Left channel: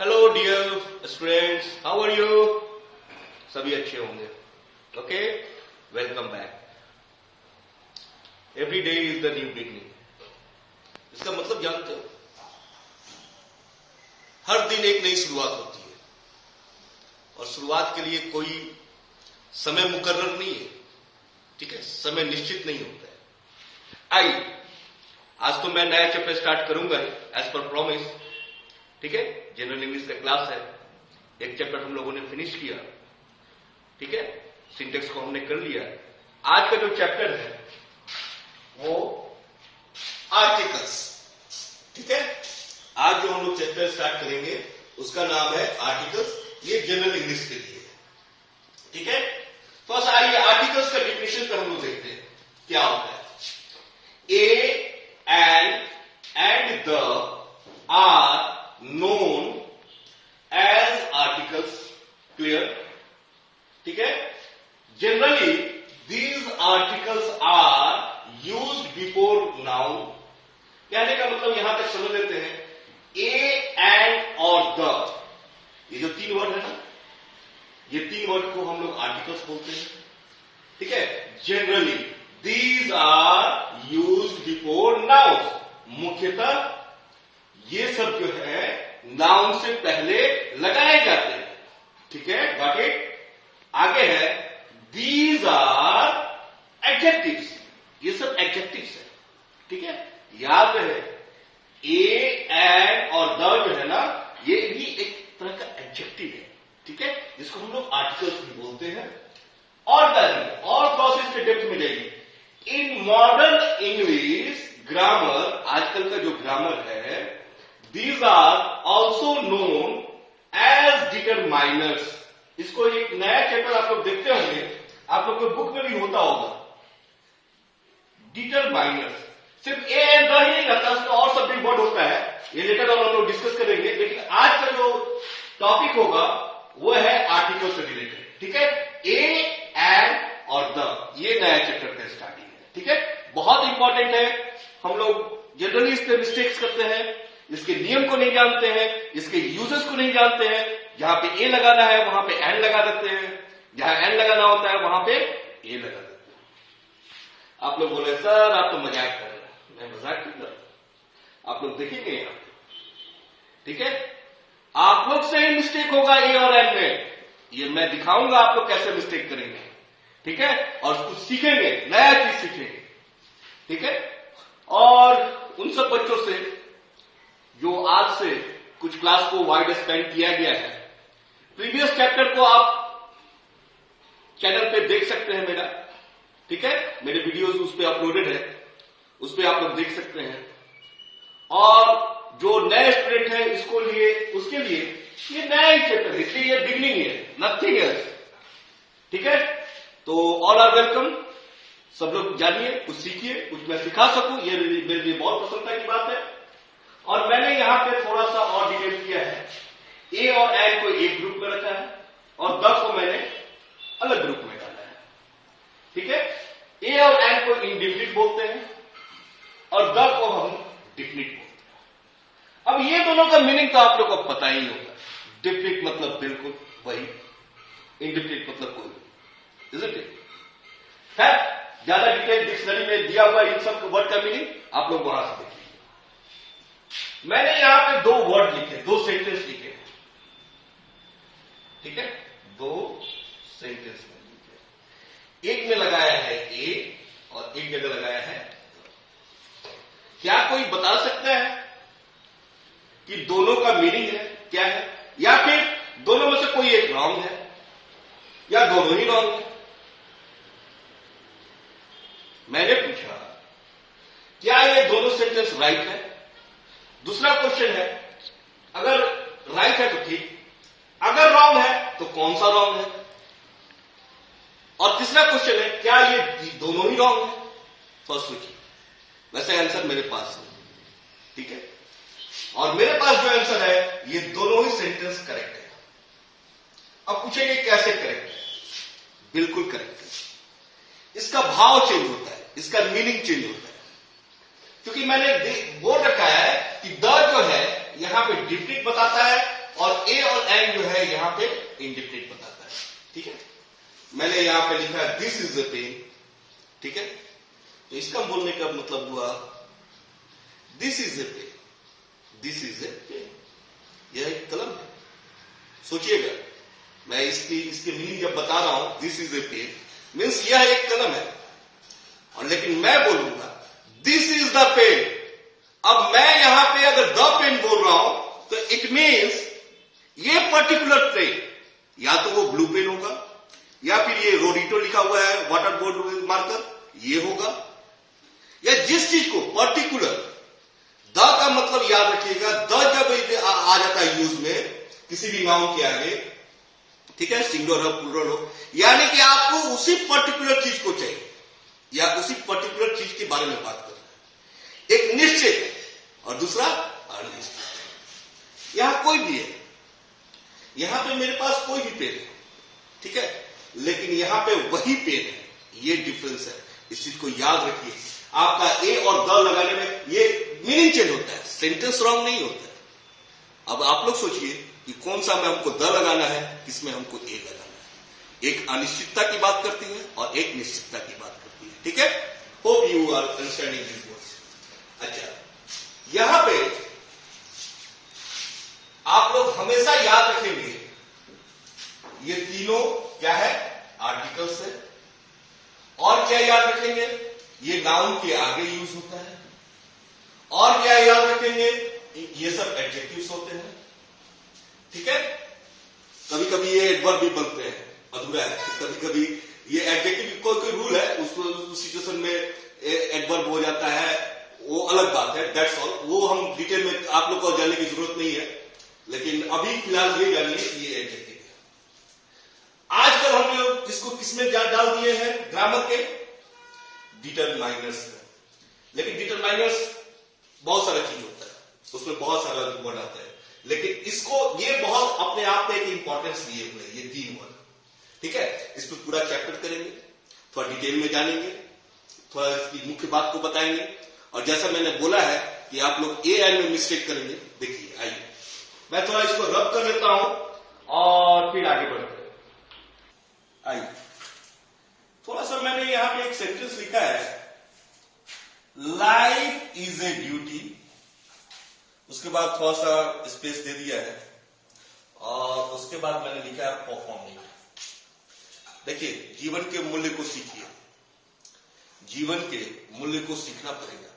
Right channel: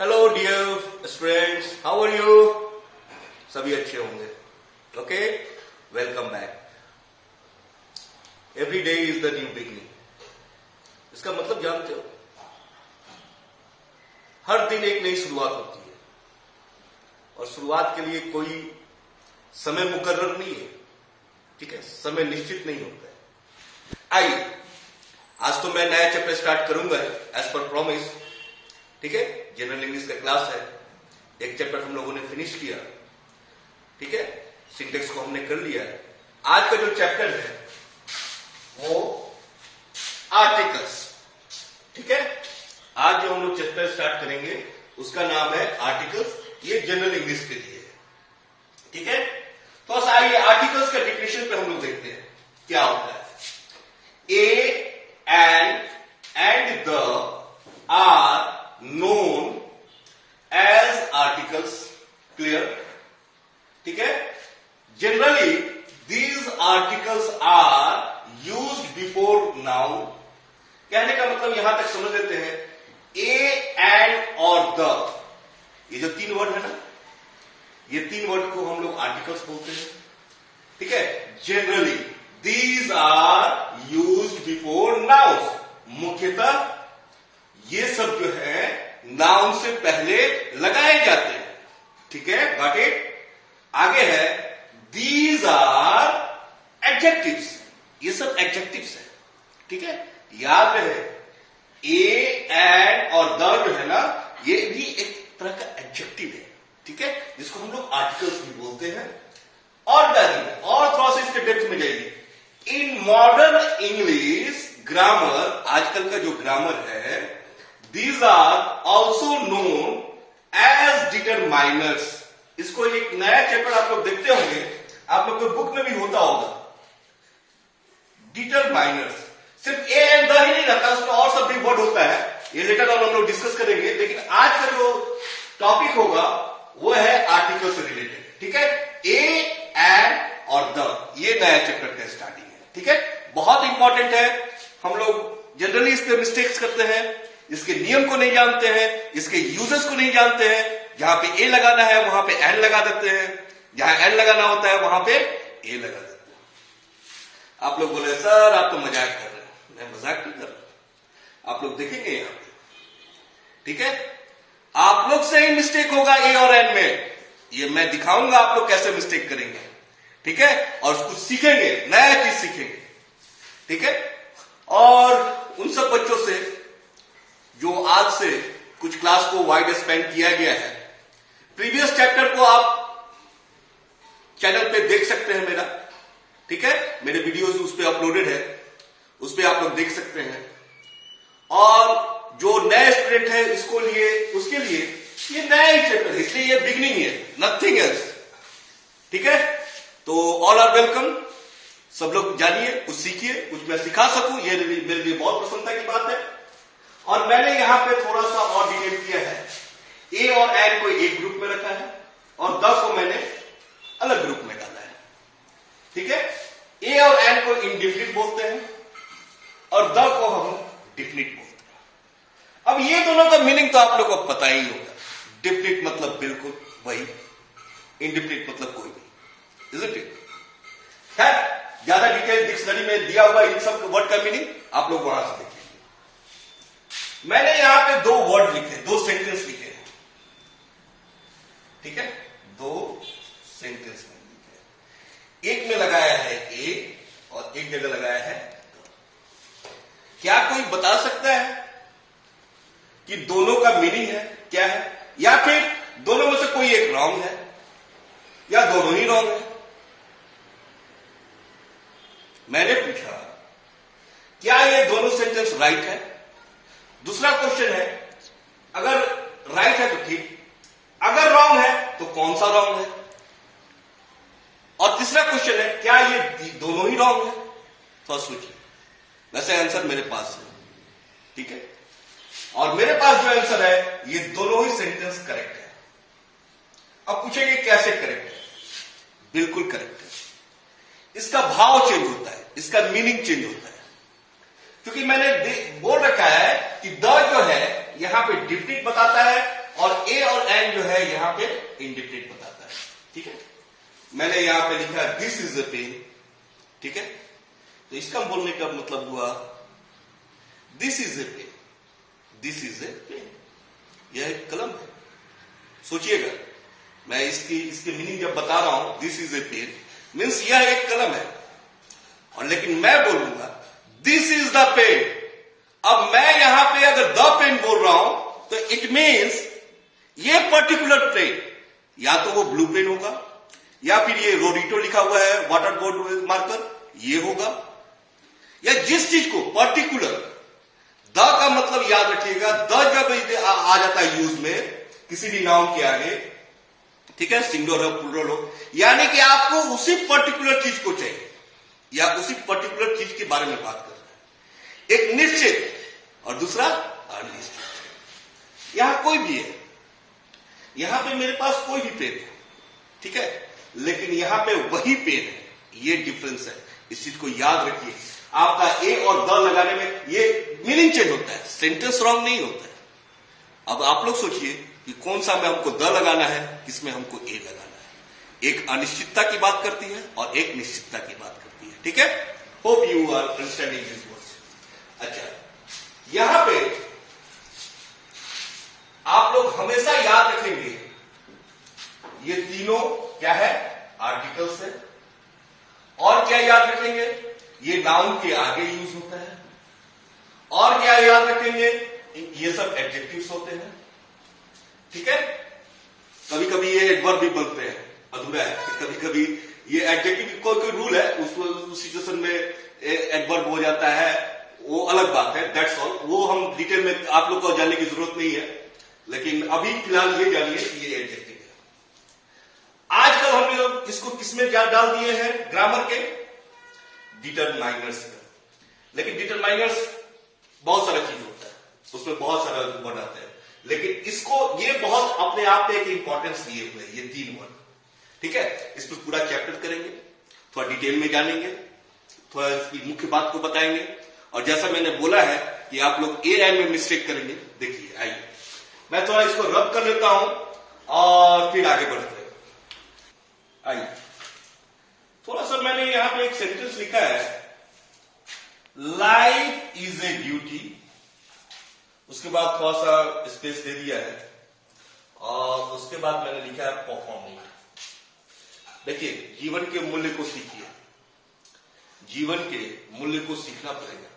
Hello dear students, how are you? सभी अच्छे होंगे. Okay, welcome back. Every day is the new beginning. इसका मतलब जानते हो? हर दिन एक नई शुरुआत होती है और शुरुआत के लिए कोई समय मुकर्रर नहीं है. ठीक है, समय निश्चित नहीं होता है. आइए, आज तो मैं नया चैप्टर स्टार्ट करूंगा एज पर प्रॉमिस. ठीक है, जनरल इंग्लिश का क्लास है. एक चैप्टर हम लोगों ने फिनिश किया. ठीक है, सिंटेक्स को हमने कर लिया. आज का जो चैप्टर है वो आर्टिकल्स. ठीक है, आज जो हम लोग चैप्टर स्टार्ट करेंगे उसका नाम है आर्टिकल्स. ये जनरल इंग्लिश के लिए है. ठीक है, तो आइए आर्टिकल्स का डिफिनेशन पे हम लोग देखते हैं क्या होता है. ए and the are known as articles. Clear? ठीक है, generally these articles are used before noun. कहने का मतलब यहां तक समझ लेते हैं. ए एंड और द, ये जो तीन वर्ड है ना, ये तीन वर्ड को हम लोग आर्टिकल्स बोलते हैं. ठीक है, generally these are used before noun. मुख्यतः ये सब जो है नाउन से पहले लगाए जाते हैं. ठीक है, गॉट इट. आगे है दीज आर एडजेक्टिव्स. ये सब एडजेक्टिव्स है. ठीक है, याद रहे ए एंड और द जो है ना, ये भी एक तरह का एडजेक्टिव है. ठीक है, जिसको हम लोग आर्टिकल्स भी बोलते हैं. और थोड़ा सा इसके डेप्थ में जाइए. इन मॉडर्न इंग्लिश ग्रामर, आजकल का जो ग्रामर है, these are also known as determiners. इसको एक नया चैप्टर आप लोग देखते होंगे, आप लोग को बुक में भी होता होगा. डिटरमाइनर्स सिर्फ ए एंड द ही नहीं रहता, उसमें और सब भी वर्ड होता है. ये लेटर ऑन हम लोग डिस्कस करेंगे, लेकिन आज का जो टॉपिक होगा वो है आर्टिकल से रिलेटेड. ठीक है, ए एंड और द, ये नया चैप्टर का स्टार्टिंग है. ठीक है, बहुत इंपॉर्टेंट है. हम लोग जनरली इस पे मिस्टेक्स करते हैं, इसके नियम को नहीं जानते हैं, इसके यूजेस को नहीं जानते हैं. जहां पे ए लगाना है वहां पे एन लगा देते हैं, जहां एन लगाना होता है वहां पे ए लगा देते हैं. आप लोग बोले सर आप तो मजाक कर रहे हैं. मैं मजाक नहीं कर रहा, आप लोग देखेंगे यहां पे. ठीक है, आप लोग से ही मिस्टेक होगा ए और एन में. ये मैं दिखाऊंगा आप लोग कैसे मिस्टेक करेंगे. ठीक है, और कुछ सीखेंगे, नया चीज सीखेंगे. ठीक है, और उन सब बच्चों से जो आज से कुछ क्लास को वाइड स्पेंड किया गया है, प्रीवियस चैप्टर को आप चैनल पे देख सकते हैं मेरा. ठीक है, मेरे वीडियोस उस पे अपलोडेड है, उस पे आप लोग देख सकते हैं. और जो नए स्टूडेंट है इसको लिए, उसके लिए ये नया ही चैप्टर है, इसलिए ये बिगनिंग है, नथिंग एल्स. ठीक है, तो ऑल आर वेलकम. सब लोग जानिए, कुछ सीखिए, कुछ मैं सिखा सकूं, ये मेरे लिए बहुत प्रसन्नता की बात है. और मैंने यहां पे थोड़ा सा और डिटेल किया है. ए और एन को एक ग्रुप में रखा है और द को मैंने अलग ग्रुप में डाला है. ठीक है, ए और एन को इंडिफिनिट बोलते हैं और द को हम डिफिनिट बोलते हैं. अब ये दोनों का मीनिंग तो आप लोगों को पता ही होगा. डिफिनिट मतलब बिल्कुल वही, इंडिफिनिट मतलब कोई नहीं. Isn't it? खैर, ज्यादा डिटेल डिक्शनरी में दिया हुआ इन सब वर्ड का मीनिंग आप लोग वहां से देखिए. मैंने यहां पे दो वर्ड लिखे, दो सेंटेंस लिखे हैं. ठीक है, दो सेंटेंस में लिखे. एक में लगाया है ए और एक जगह लगाया है. क्या कोई बता सकता है कि दोनों का मीनिंग है क्या है, या फिर दोनों में से कोई एक रॉन्ग है, या दोनों ही रॉन्ग है? मैंने पूछा क्या ये दोनों सेंटेंस राइट है. दूसरा क्वेश्चन है, अगर राइट है तो ठीक, अगर रॉन्ग है तो कौन सा रॉन्ग है. और तीसरा क्वेश्चन है, क्या ये दोनों ही रॉन्ग है. तो सोचिए. वैसे आंसर मेरे पास है. ठीक है, और मेरे पास जो आंसर है ये दोनों ही सेंटेंस करेक्ट है. अब पूछेंगे कैसे करेक्ट है. बिल्कुल करेक्ट है. इसका भाव चेंज होता है, इसका मीनिंग चेंज होता है. क्योंकि मैंने बोल रखा है कि द जो है यहां पे डिफिनिट बताता है और ए और एंड जो है यहां पे इंडिफिनिट बताता है। ठीक है, मैंने यहां पे लिखा है दिस इज ए पेन। ठीक है, तो इसका बोलने का मतलब हुआ this is a pen, this is a pen. यह एक कलम है। सोचिएगा, मैं इसकी मीनिंग जब बता रहा हूं this is a pen means यह एक कलम है, और लेकिन मैं बोलूंगा दिस इज द पेन। अब मैं यहां पे अगर द पेन बोल रहा हूं तो इट मीन्स ये पर्टिकुलर पेन या तो वो ब्लू पेन होगा, या फिर ये रोडिटो लिखा हुआ है वाटर बोर्ड मार्कर ये होगा, या जिस चीज को पर्टिकुलर, द का मतलब याद रखिएगा, द जब आ जाता है यूज में किसी भी नाउन के आगे, ठीक है, सिंगुलर हो प्लूरल हो, यानी कि आपको उसी पर्टिकुलर चीज को चाहिए या उसी पर्टिकुलर चीज के बारे में बात कर रहे हैं। एक निश्चित और दूसरा अनिश्चित। यहां कोई भी है, यहां पे मेरे पास कोई भी पेन है, ठीक है, लेकिन यहां पे वही पेन है, ये डिफरेंस है। इस चीज को याद रखिए। आपका ए और द लगाने में ये मीनिंग चेंज होता है, सेंटेंस रॉन्ग नहीं होता है। अब आप लोग सोचिए कि कौन सा में हमको द लगाना है, किसमें हमको ए लगाना है। एक अनिश्चितता की बात करती है और एक निश्चितता की बात करती है। ठीक है, hope you are understanding this words. अच्छा, यहां पे आप लोग हमेशा याद रखेंगे ये तीनों क्या है, आर्टिकल्स है। और क्या याद रखेंगे, ये नाउन के आगे यूज होता है। और क्या याद रखेंगे, ये सब एडजेक्टिव्स होते हैं। ठीक है, कभी कभी ये एडवर्ब भी बनते हैं, अधूरा है, कभी कभी ये एडजेक्टिव कोई रूल है, उस सिचुएशन में एडवर्ब हो जाता है, वो अलग बात है, दैट्स ऑल। वो हम डिटेल में आप लोग को जानने की जरूरत नहीं है, लेकिन अभी फिलहाल ये जानिए ये एडजेक्टिव है। आजकल हम लोग इसको किसमें डाल दिए हैं, ग्रामर के डिटरमाइनर्स में। लेकिन डिटरमाइनर्स बहुत सारा चीज होता है, उसमें बहुत सारा वर्ड आते हैं, लेकिन इसको ये बहुत अपने आप में एक इंपॉर्टेंस लिए हुए ये तीन वर्ड। ठीक है, इस पर पूरा चैप्टर करेंगे, थोड़ा डिटेल में जानेंगे, थोड़ा इसकी मुख्य बात को बताएंगे। और जैसा मैंने बोला है कि आप लोग ए एन में मिस्टेक करेंगे। देखिए, आइए मैं थोड़ा इसको रब कर लेता हूं और फिर आगे बढ़ते हैं। आइए, थोड़ा सा मैंने यहां पे एक सेंटेंस लिखा है, लाइफ इज ए ड्यूटी, उसके बाद थोड़ा सा स्पेस दे दिया है, और उसके बाद मैंने लिखा है परफॉर्मिंग। देखिए, जीवन के मूल्य को सीखिए, जीवन के मूल्य को सीखना पड़ेगा।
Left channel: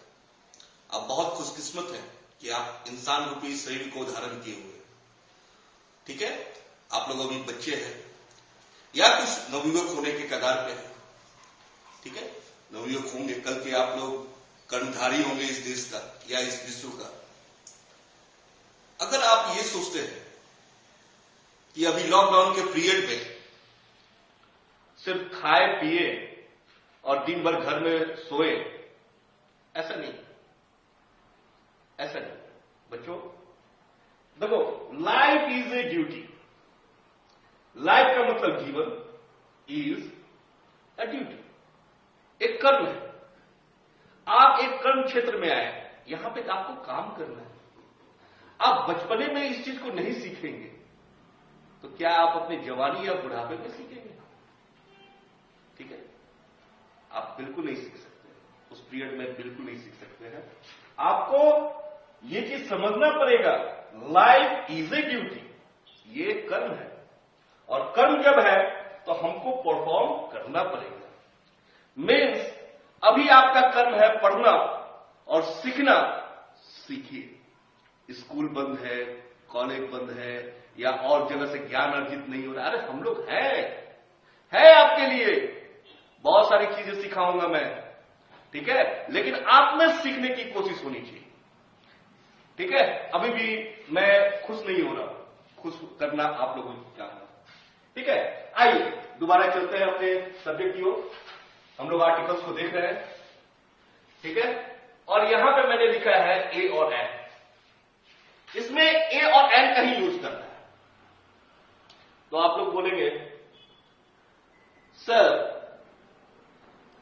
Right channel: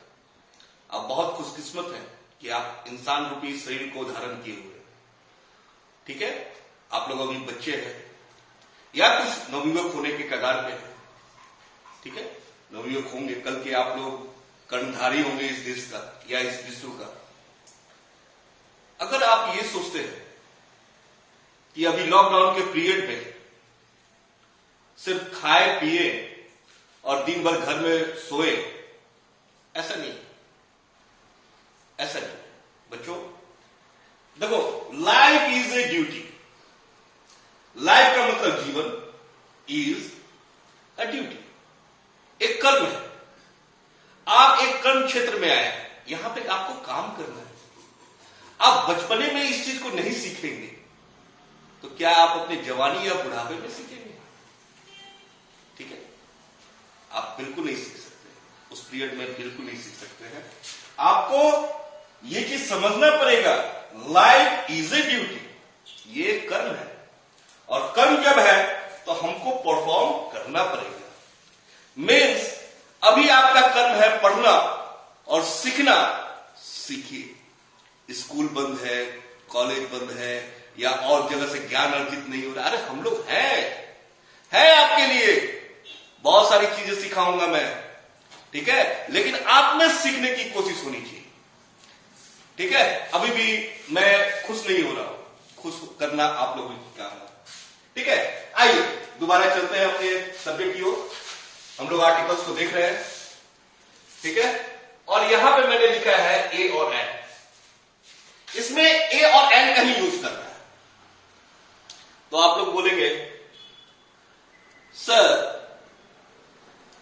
आप बहुत खुशकिस्मत हैं कि आप इंसान रूपी शरीर को धारण किए हुए। ठीक है, आप लोग अभी बच्चे हैं या कुछ नवयुवक होने के कगार पे हैं। ठीक है, नवयुवक होंगे, कल के आप लोग कर्णधारी होंगे इस देश का या इस विश्व का। अगर आप ये सोचते हैं कि अभी लॉकडाउन के पीरियड में सिर्फ खाए पिए और दिन भर घर में सोए, ऐसा नहीं, ऐसा नहीं बच्चों। देखो, life is a duty. Life का मतलब जीवन, इज अ ड्यूटी, एक कर्म है। आप एक कर्म क्षेत्र में आए हैं, यहां पे आपको काम करना है। आप बचपने में इस चीज को नहीं सीखेंगे तो क्या आप अपने जवानी या बुढ़ापे में सीखेंगे? ठीक है, आप बिल्कुल नहीं सीख सकते, उस पीरियड में बिल्कुल नहीं सीख सकते हैं। आपको ये चीज समझना पड़ेगा, लाइफ इज ए ड्यूटी, ये कर्म है, और कर्म जब है तो हमको परफॉर्म करना पड़ेगा। मीन्स अभी आपका कर्म है पढ़ना और सीखना, सीखिए। स्कूल बंद है, कॉलेज बंद है, या और जगह से ज्ञान अर्जित नहीं हो रहा, अरे हम लोग है आपके लिए, बहुत सारी चीजें सिखाऊंगा मैं। ठीक है, लेकिन आप में सीखने की कोशिश होनी चाहिए। ठीक है, अभी भी मैं खुश नहीं हो रहा हूं, खुश करना आप लोगों की काम है। ठीक है, आइए दोबारा चलते हैं अपने सब्जेक्ट की ओर। हम लोग आर्टिकल्स को देख रहे हैं। ठीक है, और यहां पे मैंने लिखा है ए और एन। इसमें ए और एन का ही यूज करना है। तो आप लोग बोलेंगे सर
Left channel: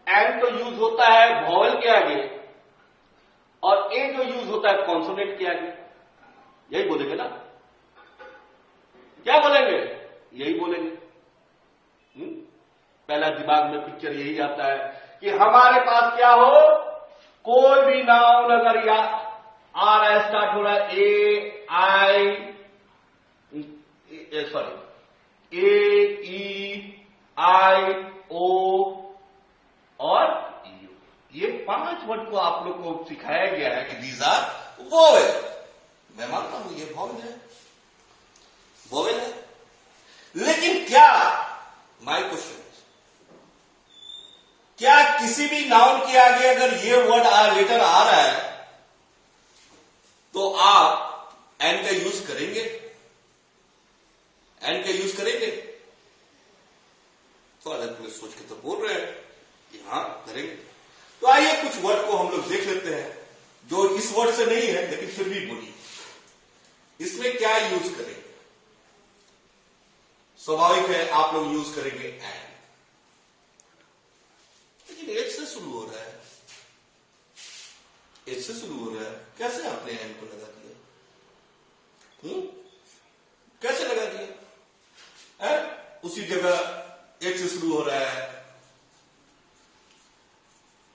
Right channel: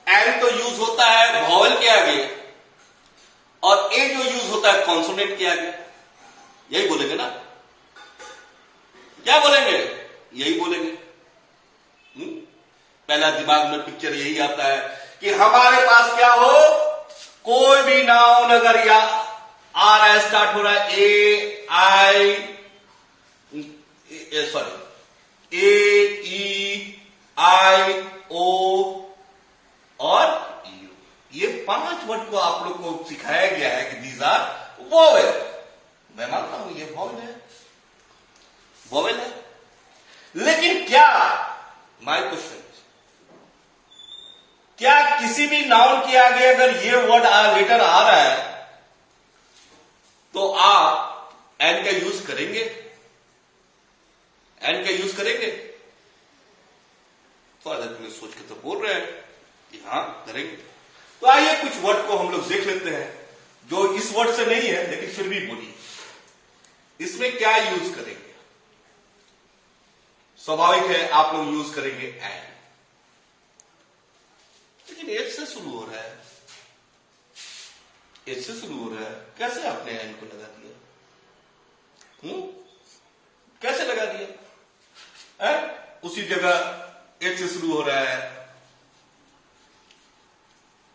एन तो यूज होता है वॉवेल के आगे और ए जो यूज होता है कॉन्सोनेंट के आगे, यही बोलेंगे ना। क्या बोलेंगे? यही बोलेंगे। पहला दिमाग में पिक्चर यही आता है कि हमारे पास क्या हो, कोई भी नाउन अगर या आ रहा है, स्टार्ट हो रहा है ए आई सॉरी ए ई आई ओ और यू, ये 5 वर्ड को आप लोग को सिखाया गया है कि दीज आर वोवेल। मैं मानता हूं ये वोवेल है, वोवेल है, लेकिन क्या, माय क्वेश्चन, क्या किसी भी नाउन के आगे अगर ये वर्ड लेटर आ रहा है तो आप एन का यूज करेंगे? एन का यूज करेंगे? तो अलग में सोच के तो बोल रहे हैं कि हाँ करेंगे। तो आइए कुछ वर्ड को हम लोग देख लेते हैं जो इस वर्ड से नहीं है लेकिन फिर भी बोलिए, इसमें क्या यूज करेंगे? स्वाभाविक है आप लोग यूज करेंगे एन, लेकिन एच से शुरू हो रहा है, एच से शुरू हो रहा है, कैसे आपने एन को लगा दिया? कैसे लगा दिया? उसी जगह एच से शुरू हो रहा है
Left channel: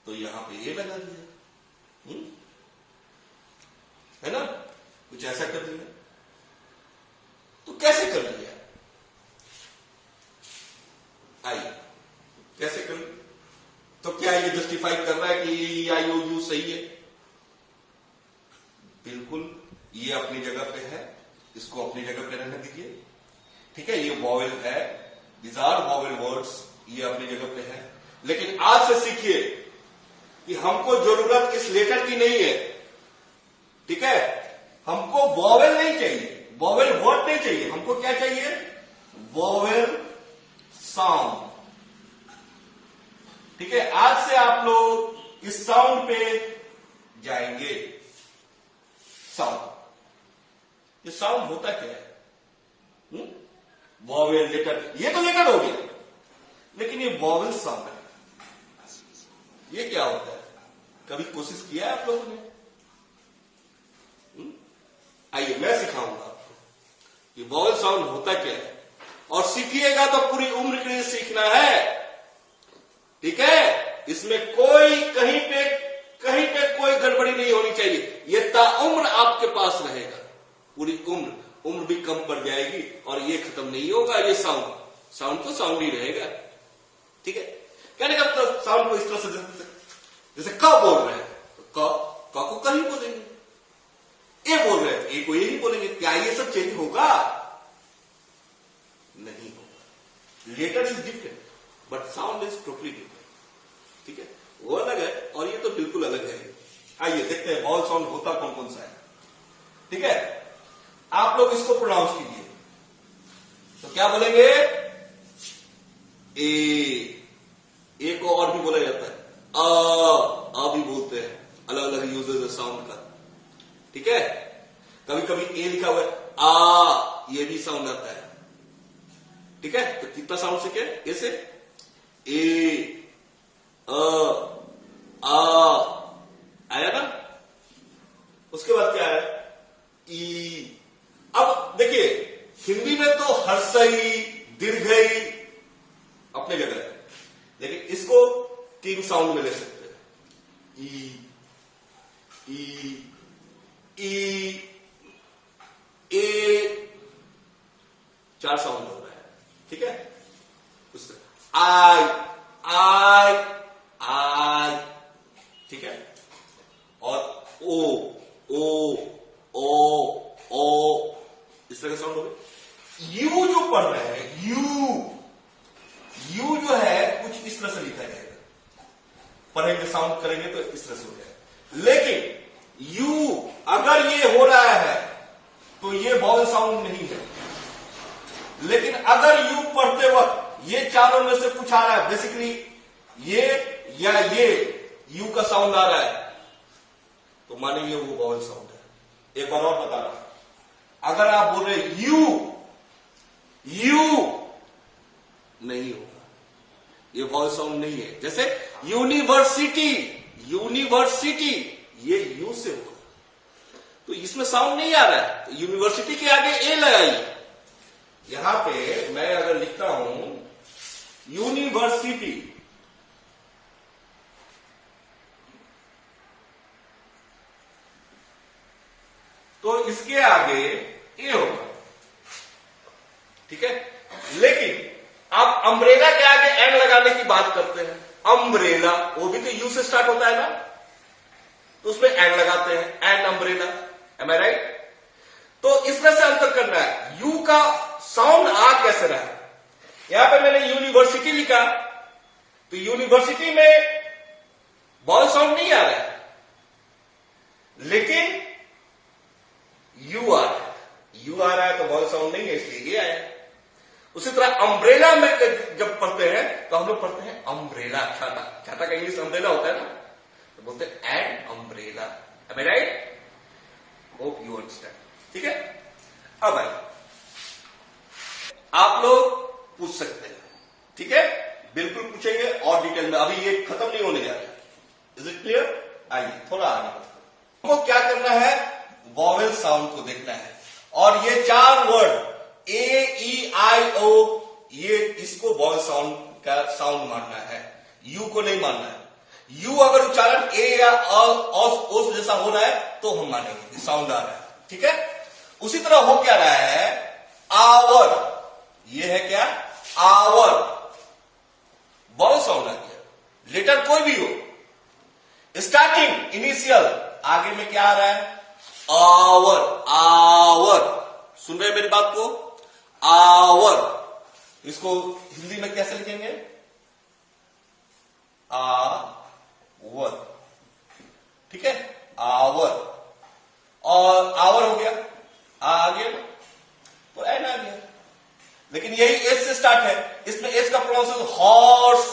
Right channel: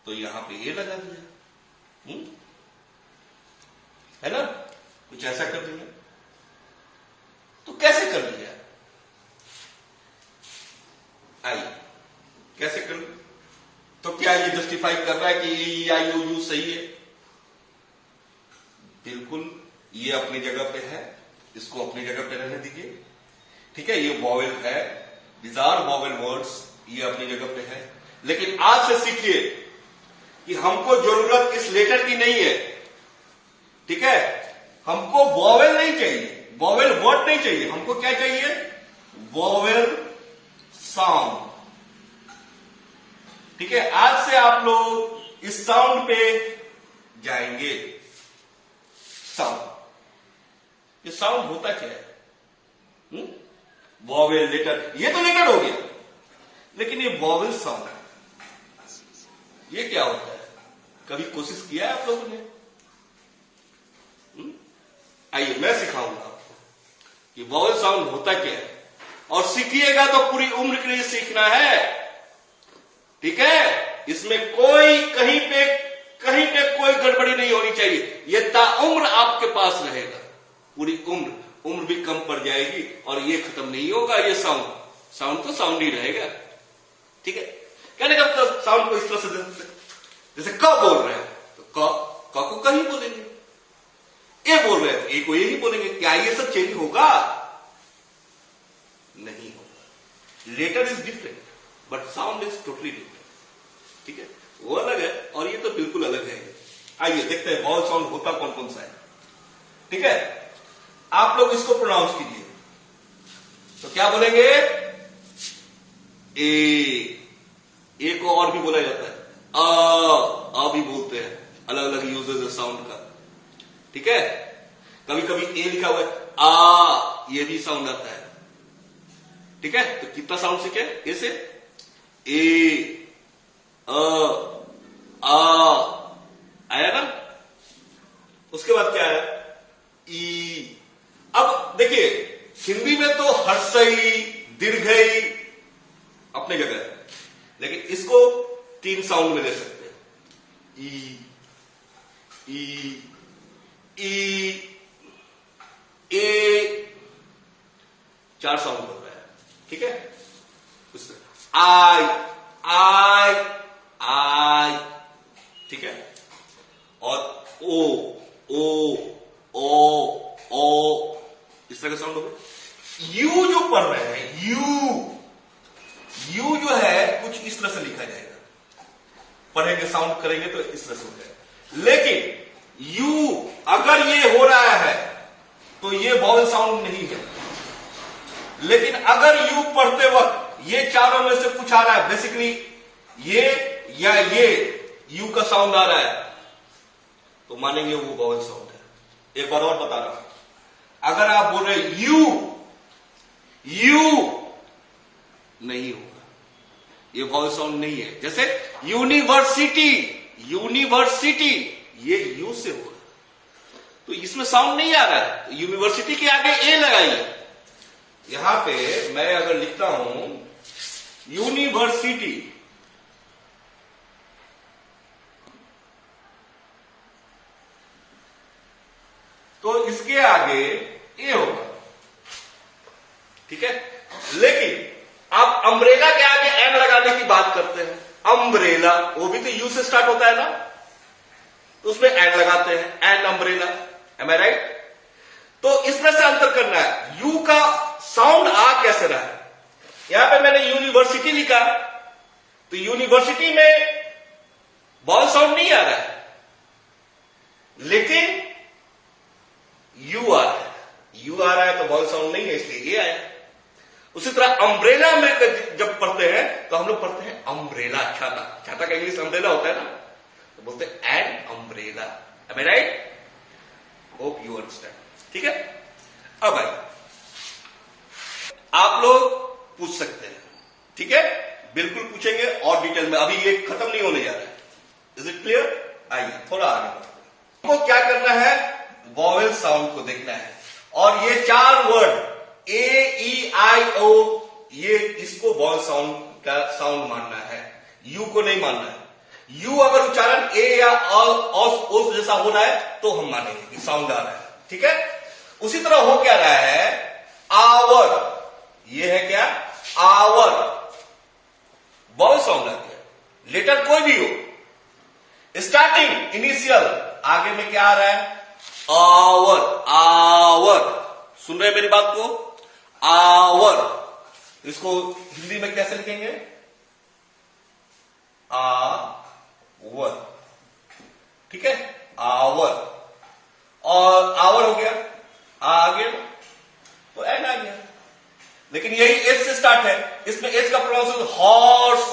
तो यहां पे ए लगा दिया, है ना? कुछ ऐसा कर दिया। तो कैसे कर दिया? आइए कैसे कर, तो क्या ये जस्टिफाई कर रहा है कि आई ओ यू सही है? बिल्कुल, ये अपनी जगह पे है, इसको अपनी जगह पे रहने दीजिए, ठीक है? ये वॉवेल है, दीज आर वॉवेल वर्ड्स, ये अपनी जगह पे है। लेकिन आज से सीखिए कि हमको जरूरत इस लेटर की नहीं है, ठीक है? हमको वॉवेल नहीं चाहिए, वॉवेल वर्ड नहीं चाहिए, हमको क्या चाहिए? वॉवेल साउंड, ठीक है? आज से आप लोग इस साउंड पे जाएंगे। साउंड, ये साउंड होता क्या है? वॉवेल, लेटर, ये तो लेटर हो गया, लेकिन ये वॉवेल साउंड है, ये क्या होता है? कभी कोशिश किया है आप लोगों ने? आइए मैं सिखाऊंगा आपको ये वॉवेल साउंड होता क्या है, और सीखिएगा तो पूरी उम्र के लिए सीखना है, ठीक है? इसमें कोई कहीं पे कोई गड़बड़ी नहीं होनी चाहिए, ये ताउम्र आपके पास रहेगा, पूरी उम्र भी कम पड़ जाएगी और ये खत्म नहीं होगा। ये साउंड तो साउंड ही रहेगा, ठीक है? कहने का मतलब साउंड को इस तरह से, जैसे क बोल रहे हैं तो क को कहीं बोलेंगे, ए बोल रहे हैं तो ए को यही बोलेंगे। क्या ये सब चेंज होगा? नहीं होगा। Letter is different but sound is totally different, ठीक है? वो अलग है और ये तो बिल्कुल अलग है। आइए देखते हैं वॉवेल साउंड होता कौन कौन सा है, ठीक है? आप लोग इसको प्रोनाउंस कीजिए, तो क्या बोलेंगे? ए को और भी बोला जाता है, आ भी बोलते हैं, अलग अलग यूजेस है साउंड का, ठीक है? कभी कभी ए लिखा हुआ है, आ, ये भी साउंड आता है, ठीक है? तो कितना साउंड सीखे? ए से ए, आ आया ना? उसके बाद क्या है? ई। अब देखिए हिंदी में तो हर्षई, दीर्घई अपने जगह है, लेकिन इसको 3 साउंड में ले सकते हैं। ई ए 4 साउंड बन रहा है, ठीक है? उससे आई, ठीक है? और ओ इस तरह का साउंड हो गया। यू जो पढ़ रहे हैं, यू जो है कुछ इस तरह से लिखा जाएगा, पढ़ेंगे साउंड करेंगे तो इस तरह से हो जाएगा। लेकिन यू अगर ये हो रहा है तो ये वॉवेल साउंड नहीं है, लेकिन अगर यू पढ़ते वक्त ये चारों में से कुछ आ रहा है, बेसिकली ये या ये यू का साउंड आ रहा है, तो मानेंगे वो वॉवेल साउंड है। एक बार और बता रहा हूं, अगर आप बोल रहे यू नहीं होगा, ये वॉवेल साउंड नहीं है। जैसे यूनिवर्सिटी, ये यू से होगा, तो इसमें साउंड नहीं आ रहा है, तो यूनिवर्सिटी के आगे ए लगाइए यहां पे मैं अगर लिखता हूं यूनिवर्सिटी, तो इसके आगे ए होगा, ठीक है। लेकिन आप अम्ब्रेला के आगे एन लगाने की बात करते हैं, अम्ब्रेला वो भी तो यू से स्टार्ट होता है ना, तो उसमें एन लगाते हैं, an umbrella, am I right. तो इसमें से अंतर करना है, यू का साउंड आ कैसे रहा है। यहां पे मैंने यूनिवर्सिटी लिखा, तो यूनिवर्सिटी में वॉवल साउंड नहीं आ रहा है, लेकिन यू आ रहा है, यू आ रहा है तो वॉवल साउंड नहीं है, इसलिए ये आया। उसी तरह अम्ब्रेला में जब पढ़ते हैं तो हम लोग पढ़ते हैं अम्ब्रेला, छाता, छाता का इंग्लिश अम्ब्रेला होता है ना, तो बोलते हैं an umbrella, am I right. Hope you understand, ठीक है। अब आप लोग पूछ सकते हैं, ठीक है, बिल्कुल पूछेंगे और डिटेल में, अभी ये खत्म नहीं होने जा रहा है। Is it clear? आइए थोड़ा आगे बढ़ते हैं। हमको क्या करना है, वॉवेल साउंड को देखना है, और ये 4 वर्ड ए ई आई ओ, ये इसको वॉवेल साउंड का साउंड मानना है, यू को नहीं मानना है। यू अगर उच्चारण ए या ओस जैसा हो रहा है तो हम मानेंगे कि साउंड आ रहा है, ठीक है। उसी तरह हो क्या रहा है, आवर, ये है क्या, आवर, वॉवेल साउंड आ गया, लेटर कोई भी हो, स्टार्टिंग इनिशियल, आगे में क्या आ रहा है, आवर, आवर, सुन रहे हैं मेरी बात को, आवर। इसको हिंदी में कैसे लिखेंगे, आवर, ठीक है, आवर, और आवर हो गया, आ गया तो एन आ गया, लेकिन यही एच से स्टार्ट है, इसमें एच का प्रोनाउंसिएशन हॉर्स,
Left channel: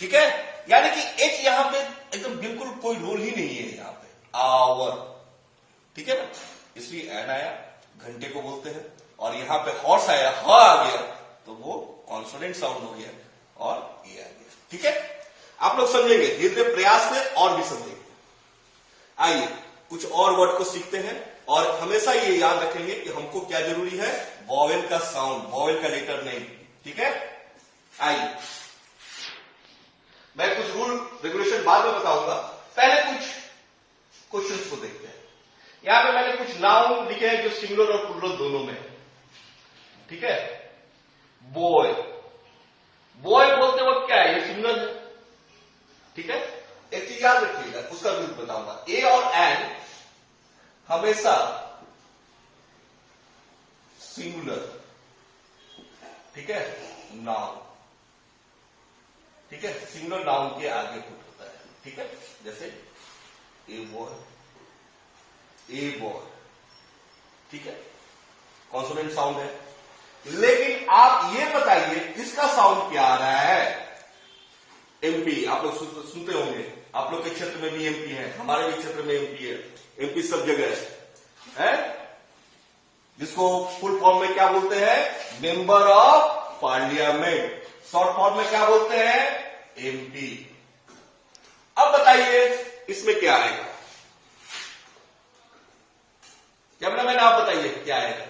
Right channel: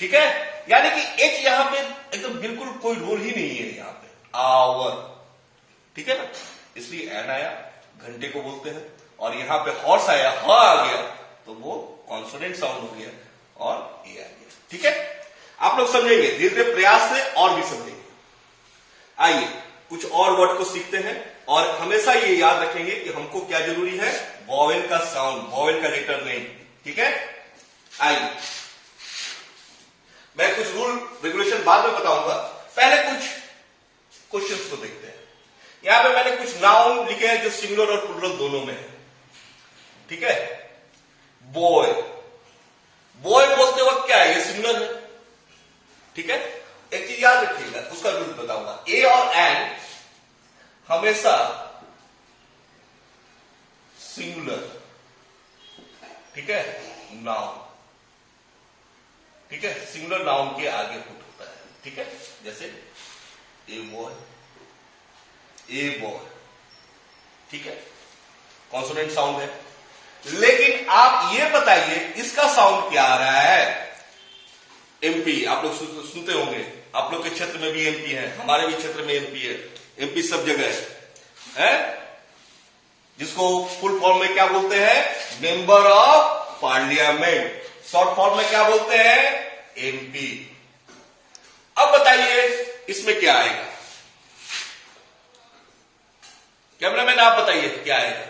ठीक है, यानी कि एच यहां पे एकदम बिल्कुल कोई रोल ही नहीं है यहां पे, आवर, ठीक है ना, इसलिए एन आया, घंटे को बोलते हैं, और यहां पे हॉर्स आया, ह आ गया, तो वो कॉन्सोनेंट साउंड हो गया और ए आ गया, ठीक है। आप लोग समझेंगे धीरे धीरे प्रयास से, और भी समझेंगे। आइए कुछ और वर्ड को सीखते हैं, और हमेशा ये याद रखेंगे कि हमको क्या जरूरी है, वॉवेल का साउंड, वॉवेल का लेटर नहीं, ठीक है। आइए मैं कुछ रूल रेगुलेशन बाद में बताऊंगा, पहले कुछ क्वेश्चंस को देखते हैं। यहां पे मैंने कुछ नाउन लिखे हैं जो सिंगुलर और प्लूरल दोनों में है, ठीक है। बॉय, बॉय बोलते वक्त क्या है, ये सिंगुलर है, ठीक है। एक चीज याद रखिएगा, उसका रूल बताऊंगा, ए और एन हमेशा सिंगुलर, ठीक है, नाउन, ठीक है, सिंगुलर नाउन के आगे पुट होता है, ठीक है। जैसे ए बॉय, ए बॉय, ठीक है, कॉन्सोनेंट साउंड है। लेकिन आप ये बताइए इसका साउंड क्या आ रहा है, एमपी, आप लोग सुनते होंगे, आप लोग के क्षेत्र में भी एमपी है, हमारे भी क्षेत्र में एमपी है, एमपी सब जगह है, जिसको फुल फॉर्म में क्या बोलते हैं, member of parliament, short form में क्या बोलते हैं, एमपी। अब बताइए इसमें क्या आएगा, कैमरामैन आप बताइए क्या आएगा,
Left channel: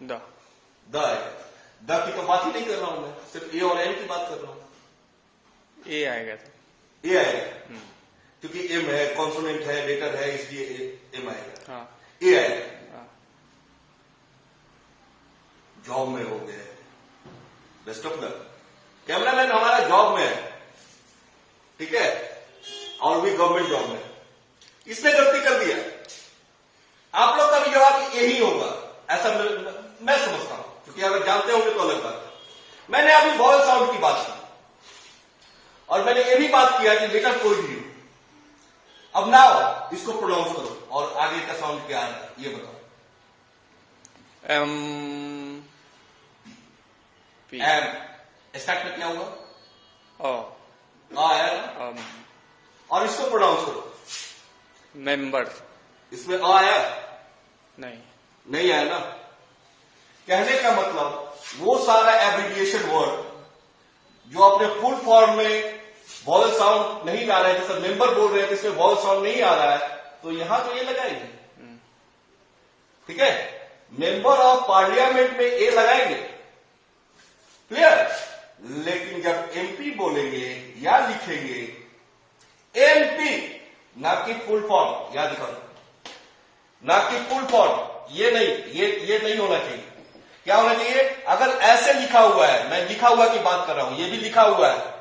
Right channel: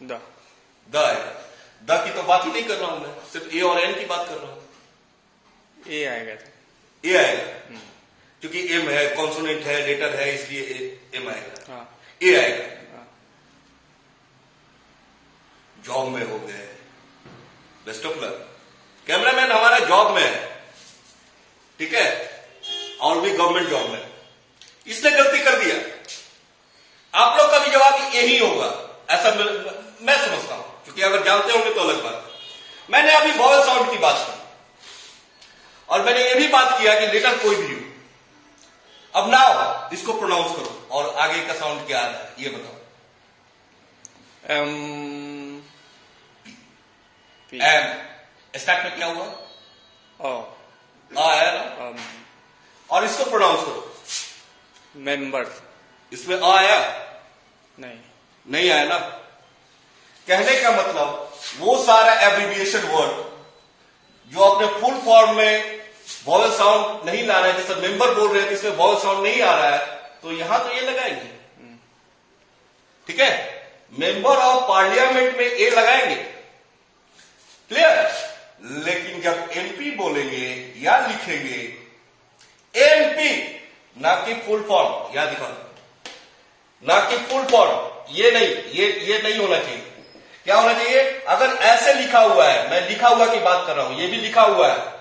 द आएगा। द की तो बात ही नहीं कर रहा हूं मैं, सिर्फ ए और एन की बात कर रहा हूं। ए आएगा, ए आएगा, क्योंकि एम है, कॉन्सोनेंट है, लेटर है, इसलिए एम आएगा, हाँ। ए आएगा। हाँ। जॉब में हो गए, बेस्ट ऑफ लक। कैमरामैन हमारा जॉब में है, ठीक है, और भी गवर्नमेंट जॉब में, इसने गलती कर दिया, आप लोग का भी जवाब यही होगा, ऐसा मैं समझता हूं, क्योंकि अगर जानते होंगे तो अलग बात है। मैंने अभी वॉवेल साउंड की बात की, और मैंने ये भी बात किया कि लेटर कोई भी हो, अब नाउ इसको प्रोनाउंस करो, और आगे का साउंड क्या आ रहा है ये बताओ। एम स्टार्ट में क्या हुआ, आया ना, और इसको प्रोनाउंस करो, मेंबर, इसमें आया नहीं, नहीं आया ना। कहने का मतलब वो सारा एब्रिविएशन वर्ड जो अपने फुल फॉर्म में वॉवेल साउंड नहीं ला रहे हैं, जैसे मेंबर बोल रहे हैं जिसमें वॉवेल साउंड नहीं आ रहा है, तो यहां तो ये लगाएंगे, ठीक है। मेंबर ऑफ पार्लियामेंट में ए लगाएंगे, क्लियर। लेकिन जब एमपी बोलेंगे या लिखेंगे एमपी, ना कि फुल फॉर्म, याद दिखा, ना कि फुल फॉर्म, ये नहीं, ये नहीं होना चाहिए। क्या होना चाहिए? अगर ऐसे लिखा हुआ है, मैं लिखा हुआ की बात कर रहा हूं, ये भी लिखा हुआ है,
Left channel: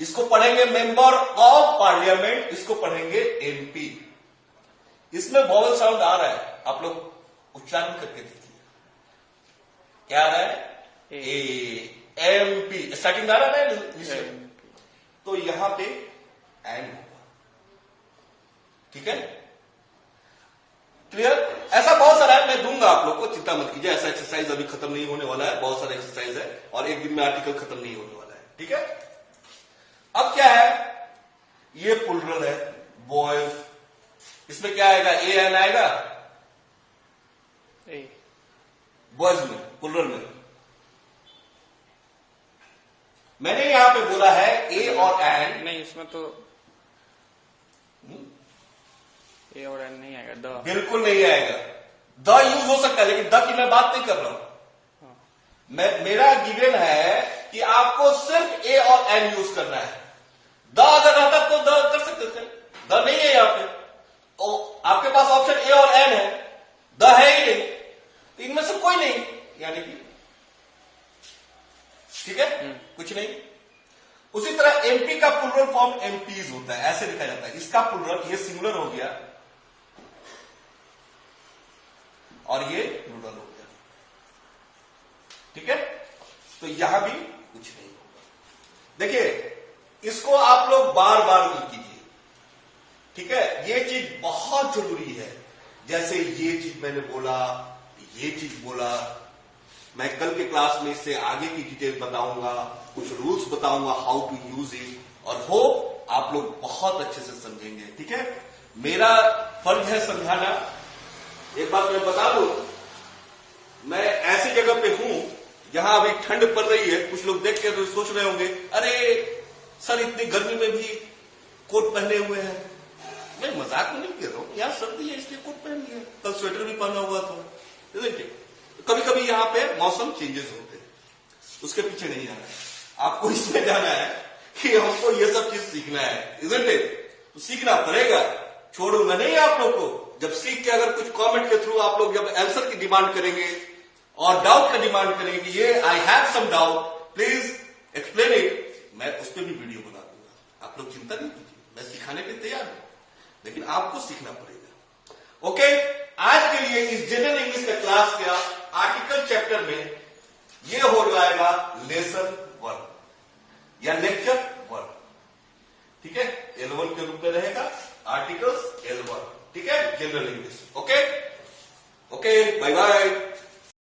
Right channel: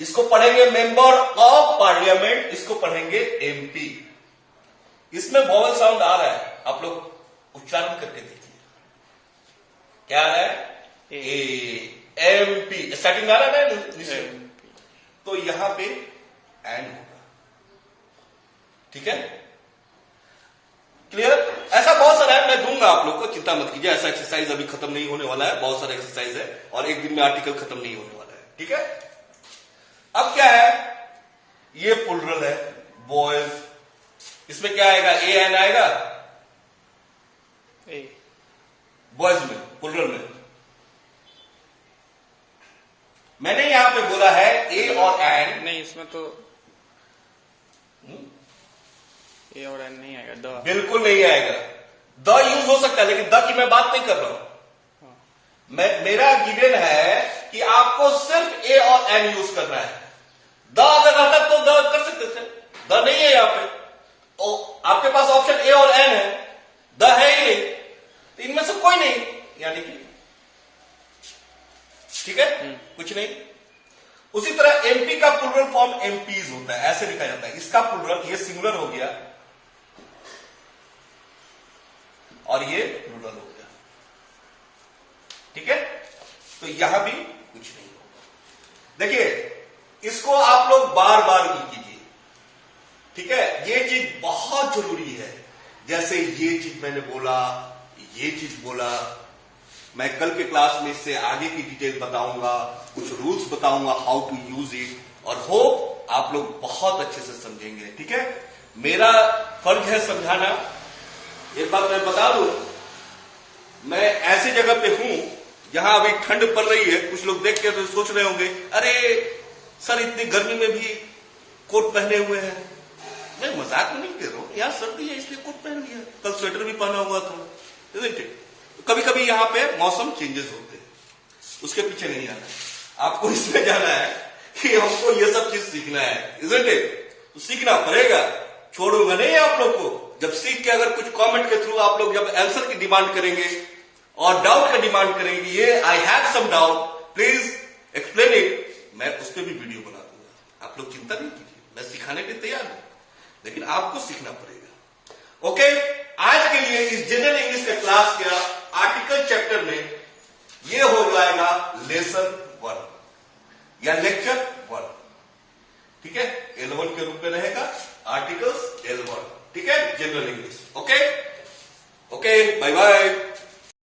इसको पढ़ेंगे मेंबर ऑफ पार्लियामेंट, इसको पढ़ेंगे एमपी। इसमें वॉवल साउंड आ रहा है, आप लोग उच्चारण करके देखिए, क्या आ रहा है? ए, एमपी, स्टार्टिंग आ रहा है, तो यहां पे एन होगा, ठीक है, क्लियर। ऐसा बहुत सारा है, मैं दूंगा आप लोग को, चिंता मत कीजिए। ऐसा एक्सरसाइज अभी खत्म नहीं होने वाला है, बहुत सारा एक्सरसाइज है और एक दिन में आर्टिकल खत्म नहीं होने वाला है, ठीक है। अब क्या है, ये प्लुरल है, बॉयज, इसमें क्या आएगा? ए एन आएगा बॉयज में, प्लुरल में। मैंने यहां पे बोला है ए और एन, नहीं, इसमें तो ए और एन नहीं आएगा, द बिल्कुल नहीं आएगा। द यूज हो सकता है, लेकिन द की मैं बात नहीं कर रहा हूं। मेरा गिवन है कि आपको सिर्फ ए और एन यूज करना है। द अगर रहता तो द कर सकते थे, द नहीं है यहां पे, आपके पास ऑप्शन ए और एन है, द है ही नहीं, तो इनमें से कोई नहीं, यानी कि ठीक है, कुछ नहीं। उसी तरह एमपी का प्लुरल फॉर्म एमपीज होता है, ऐसे लिखा जाता है। इसका प्लुरल, ये सिंगुलर हो गया और ये प्लुरल हो गया, ठीक है। तो यहां भी कुछ नहीं होगा। देखिए, इसको आप लोग बार बार कीजिए, ठीक है। ये चीज बहुत जरूरी है, जैसे ये चीज मैंने बोला, ये चीज बोला, मैं कल के क्लास में इससे आगे की डिटेल बताऊंगा, कुछ रूल्स बताऊंगा, हाउ टू यूज इट, और होप आप लोग बहुत अच्छे से समझेंगे, ठीक है। मेरा फर्ज है समझाना। एक बात मैं बता दूं, मैं ऐसी जगह पे हूं जहां अभी ठंड पड़ रही है। कुछ लोग देख के तो सोच रहे होंगे, अरे सर इतनी गर्मी में भी कोट पहने हुए हैं। मैं मजाक में नहीं कह रहा हूं, यहां सर्दी है इसलिए कोट पहन लिया, कल स्वेटर भी पहना हुआ था, isn't it? कभी कभी यहां पे मौसम चेंजेस होते हैं, उसके पीछे नहीं आना है आपको, इसमें जाना है कि हमको ये सब चीज सीखना है, isn't it? तो सीखना पड़ेगा, छोड़ूंगा नहीं आप लोग को। जब सीख के अगर कुछ कमेंट के थ्रू आप लोग जब आंसर की डिमांड करेंगे और डाउट का डिमांड करेंगे, ये I have some doubt, please explain it, मैं उस पर भी वीडियो बना दूंगा। आप लोग चिंता नहीं कीजिए, मैं सिखाने के तैयार हूं, लेकिन आपको सीखना पड़ेगा। ओके, आज के लिए इस जनरल इंग्लिश का क्लास का आर्टिकल चैप्टर में ये हो जाएगा लेसन 1 या लेक्चर 1, ठीक है। L1 के रूप में रहेगा, आर्टिकल्स L1, ठीक है, general English. Okay, bye bye.